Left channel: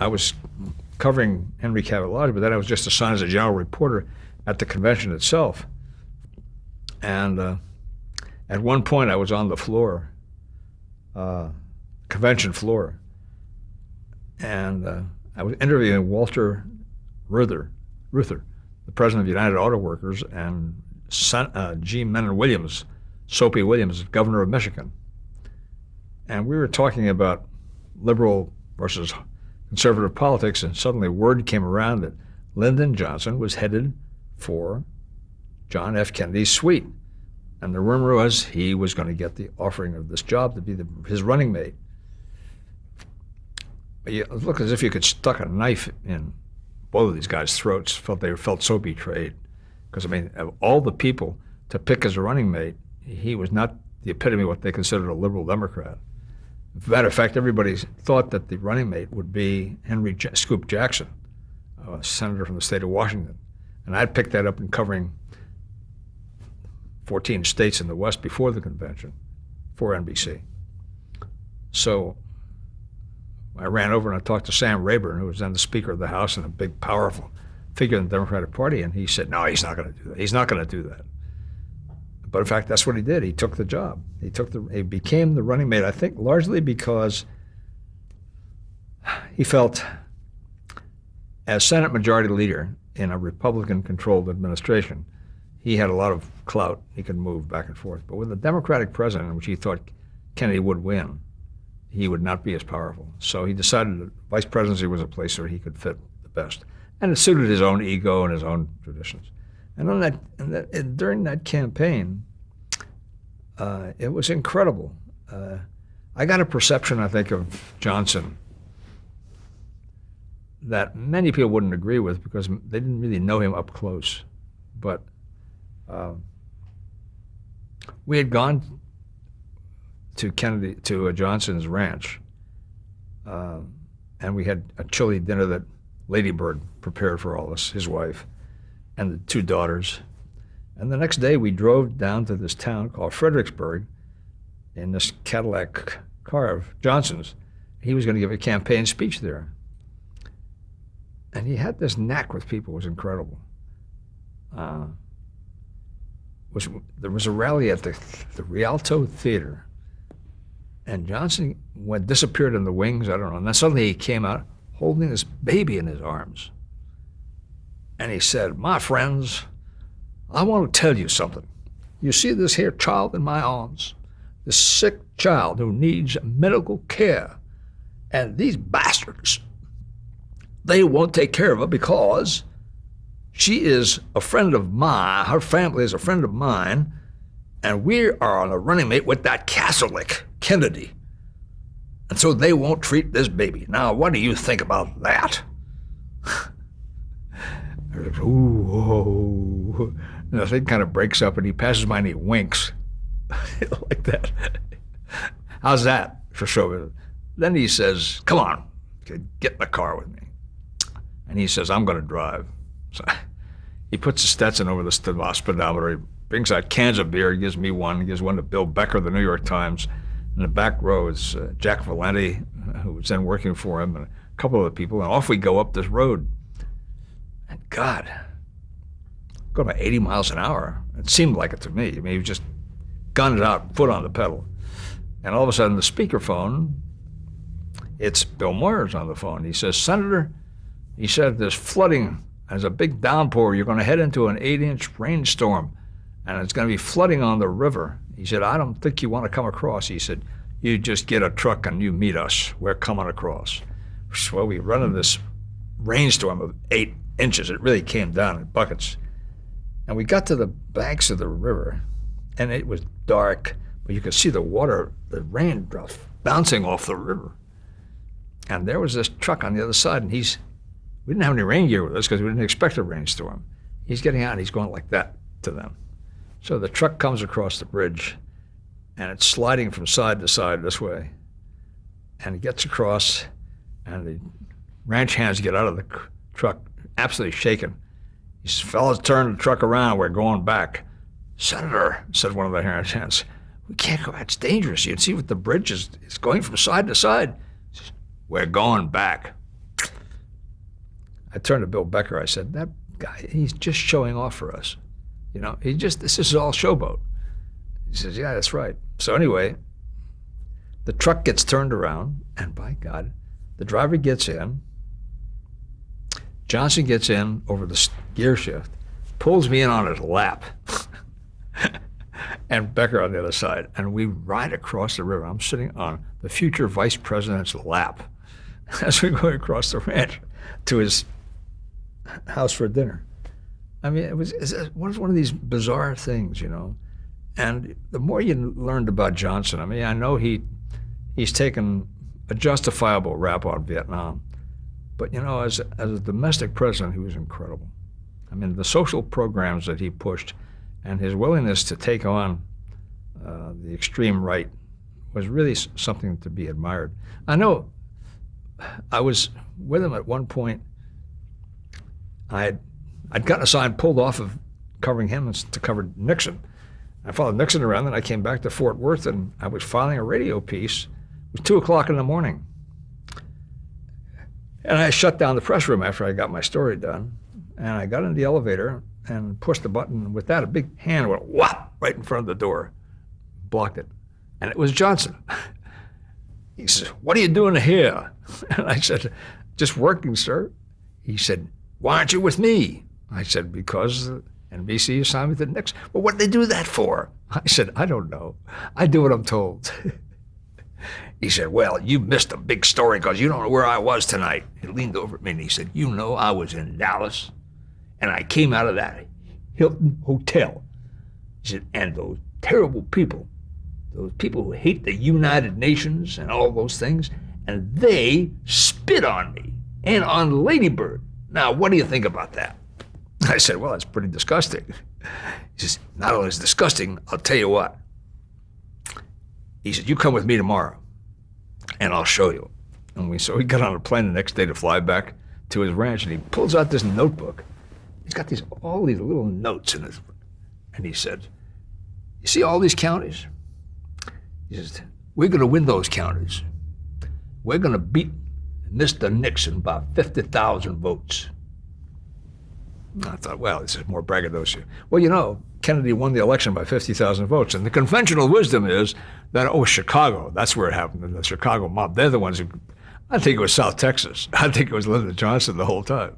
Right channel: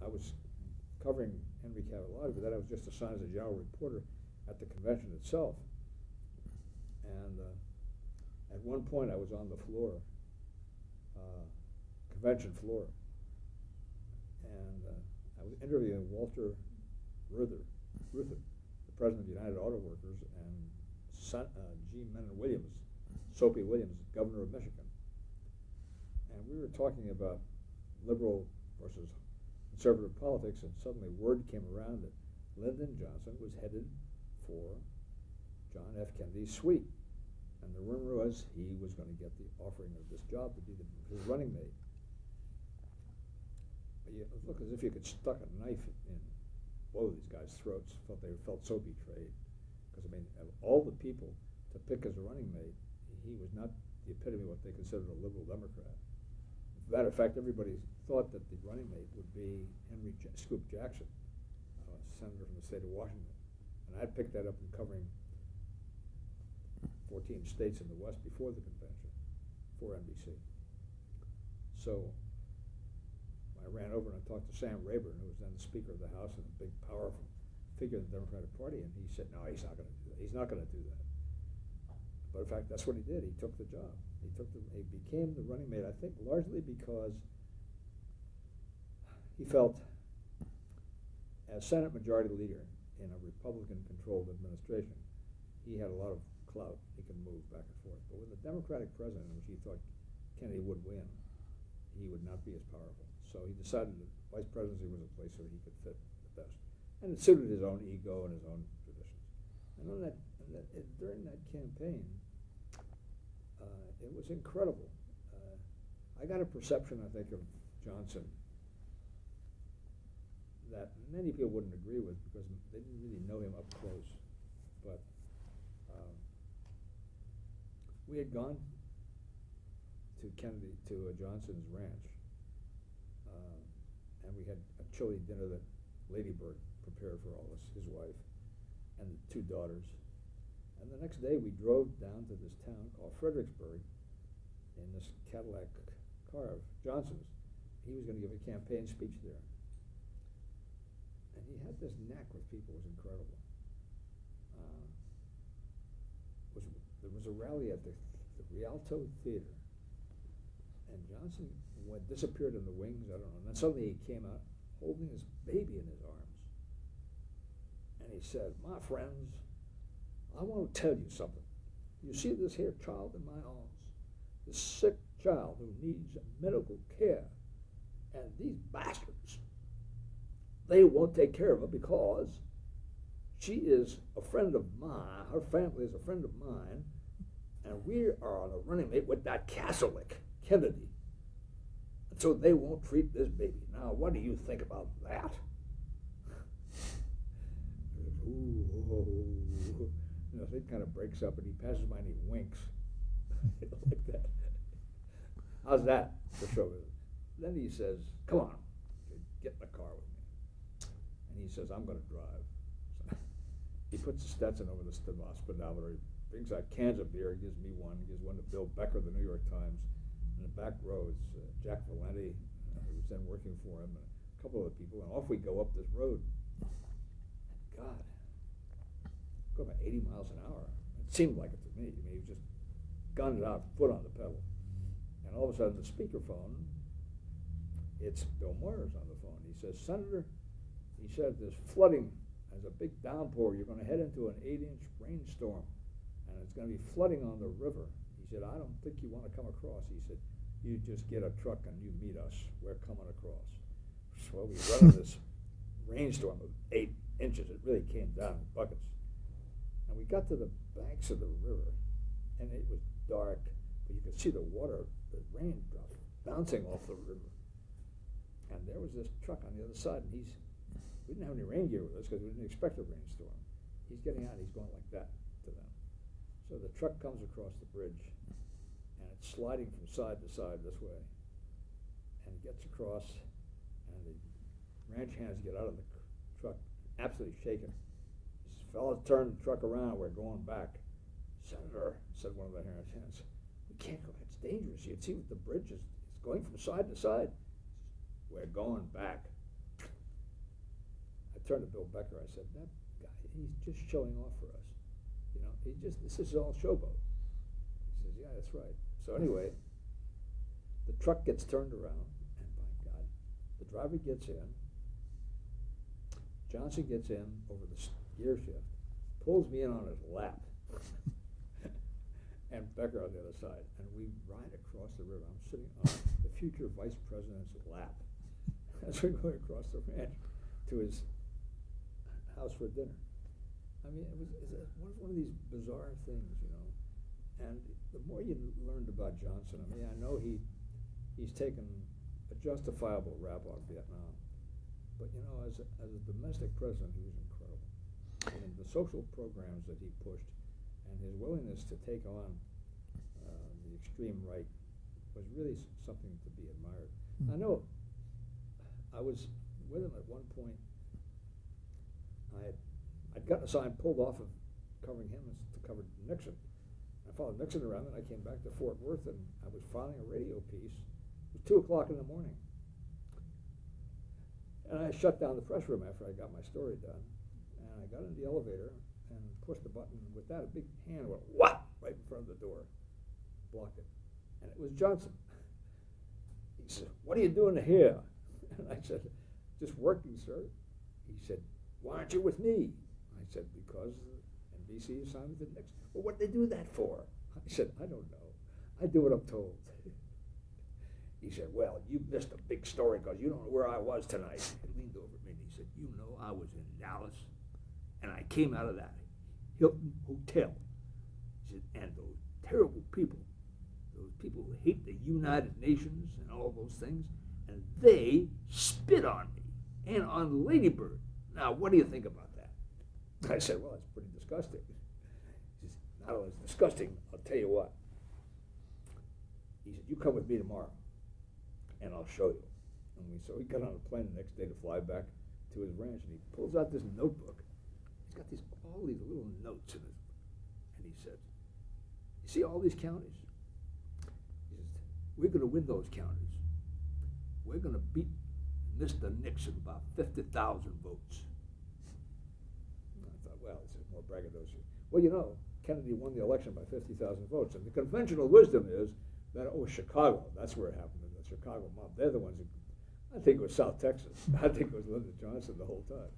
I was covering Henry Cabot Lodge, but then I was just assigned as a general reporter at the convention itself. And at one point, I was on the floor, convention floor, and I was interviewing Walter Reuther, the president of United Auto Workers, and G. Menon Williams, Soapy Williams, governor of Michigan. And we were talking about liberal versus conservative politics, and suddenly word came around that Lyndon Johnson was headed for John F. Kennedy's suite. And the rumor was he was going to get the offering of this job to be his running mate. But it looked as if you could stuck a knife in both of these guys' throats. They felt so betrayed. Because, I mean, of all the people to pick as a running mate, he was not the epitome of what they considered a liberal Democrat. As a matter of fact, everybody thought that the running mate would be Henry Scoop Jackson, a senator from the state of Washington. And I'd picked that up in covering 14 states in the West before the convention for NBC. So I ran over and I talked to Sam Rayburn, who was then the Speaker of the House and a big, powerful figure in the Democratic Party, and he said, no, he's not going to do that. He's not going to do that. But in fact, that's what he did. He took the job. He became the running mate, I think, largely because he felt, as Senate Majority Leader in a Republican-controlled administration, he had a lot of clout. He could move back and forth. But with a Democratic president, which he thought Kennedy would win, he would not be as powerful. So he decided that vice presidency was a place where he could fit the best. And it suited his own ego and his own traditions. And during that campaign, it was incredible. I got a perception, I think, of Johnson that many people wouldn't agree with because they didn't really know him up close. But we had gone to Johnson's ranch, and we had a chilly dinner that Lady Bird prepared for all us, his wife, and the two daughters. And the next day we drove down to this town called Fredericksburg in this Cadillac car of Johnson's. He was going to give a campaign speech there. And he had this knack with people. It was incredible. There was a rally at the Rialto Theater, and Johnson disappeared in the wings, I don't know, and then suddenly he came out holding this baby in his arms. And he said, my friends, I want to tell you something. You see this here child in my arms, this sick child who needs medical care, and these bastards, they won't take care of her because she is a friend of mine, her family is a friend of mine, and we are on a running mate with that Catholic, Kennedy. And so they won't treat this baby. Now, what do you think about that? Ooh, and the thing kind of breaks up, and he passes by and he winks like that. How's that for show? Then he says, come on, get in the car with me. And he says, I'm going to drive. So he puts the Stetson over the speedometer. He brings out cans of beer. He gives me one. He gives one to Bill Becker, the New York Times. In the back row is Jack Valenti, who was then working for him, and a couple other people. And off we go up this road. And God, go about 80 miles an hour. It seemed like it to me. I mean, he was just gunned out, foot on the pedal. And all of a sudden, the speakerphone, it's Bill Moyers on the phone. He says, Senator, he said, there's flooding. There's a big downpour. You're going to head into an 8-inch rainstorm, and it's going to be flooding on the river. He said, I don't think you want to come across. He said, you just get a truck and you meet us. We're coming across. Well, we run into this rainstorm of 8 inches. It really came down in buckets. And we got to the banks of the river, and it was dark, but you could see the water, the raindrops bouncing off the river. And there was this truck on the other side, and we didn't have any rain gear with us because we didn't expect a rainstorm. He's getting out, and he's going like that to them. So the truck comes across the bridge, and it's sliding from side to side this way. And it gets across, and the ranch hands get out of the truck, absolutely shaken. He says, fellas, turn the truck around. We're going back. Senator, said one of the ranch hands, we can't go. It's dangerous. You can see what the bridge is. It's going from side to side. He says, we're going back. I turned to Bill Becker. I said, that guy, he's just showing off for us. You know, this is all showboat. He says, yeah, that's right. So anyway, the truck gets turned around, and by God, the driver gets in. Johnson gets in over the gear shift, pulls me in on his lap, and Becker on the other side. And we ride across the river. I'm sitting on the future vice president's lap as we go across the ranch to his house for dinner. I mean, it was one of these bizarre things, you know. And the more you learned about Johnson, I mean, I know he's taken a justifiable rap on Vietnam, but you know, as a domestic president, he was incredible. I mean, the social programs that he pushed, and his willingness to take on the extreme right was really something to be admired. I know I was with him at one point. I'd gotten a sign pulled off of covering him to cover Nixon. I followed Nixon around, and I came back to Fort Worth, and I was filing a radio piece. It was 2 o'clock in the morning. And I shut down the press room after I got my story done. And I got in the elevator and pushed the button. And with that, a big hand went whop right in front of the door, blocked it. And it was Johnson. He says, "What are you doing here?" And I said, "Just working, sir." He said, "Why aren't you with me?" I said, "Because NBC assigned me to Nixon." "Well, what did they do that for?" I said, "I don't know. I do what I'm told." He said, "Well, you missed a big story because you don't know where I was tonight." He leaned over at me and he said, "You know, I was in Dallas, and I came out of that Hilton Hotel." He said, "And those terrible people, those people who hate the United Nations and all those things, and they spit on me and on Lady Bird. Now, what do you think about that?" I said, "Well, that's pretty disgusting." He says, "Not only is it disgusting, I'll tell you what." He said, "You come with me tomorrow, and I'll show you." And so we got on a plane the next day to fly back to his ranch, and he pulls out this notebook. He's got all these little notes in it. And he said, "You see all these counties?" He says, "We're going to win those counties. We're going to beat Mr. Nixon by 50,000 votes. I thought, well, this is more braggadocio. Well, you know, Kennedy won the election by 50,000 votes. And the conventional wisdom is that, Chicago, that's where it happened, the Chicago mob. They're the ones who, I think it was South Texas. I think it was Lyndon Johnson the whole time.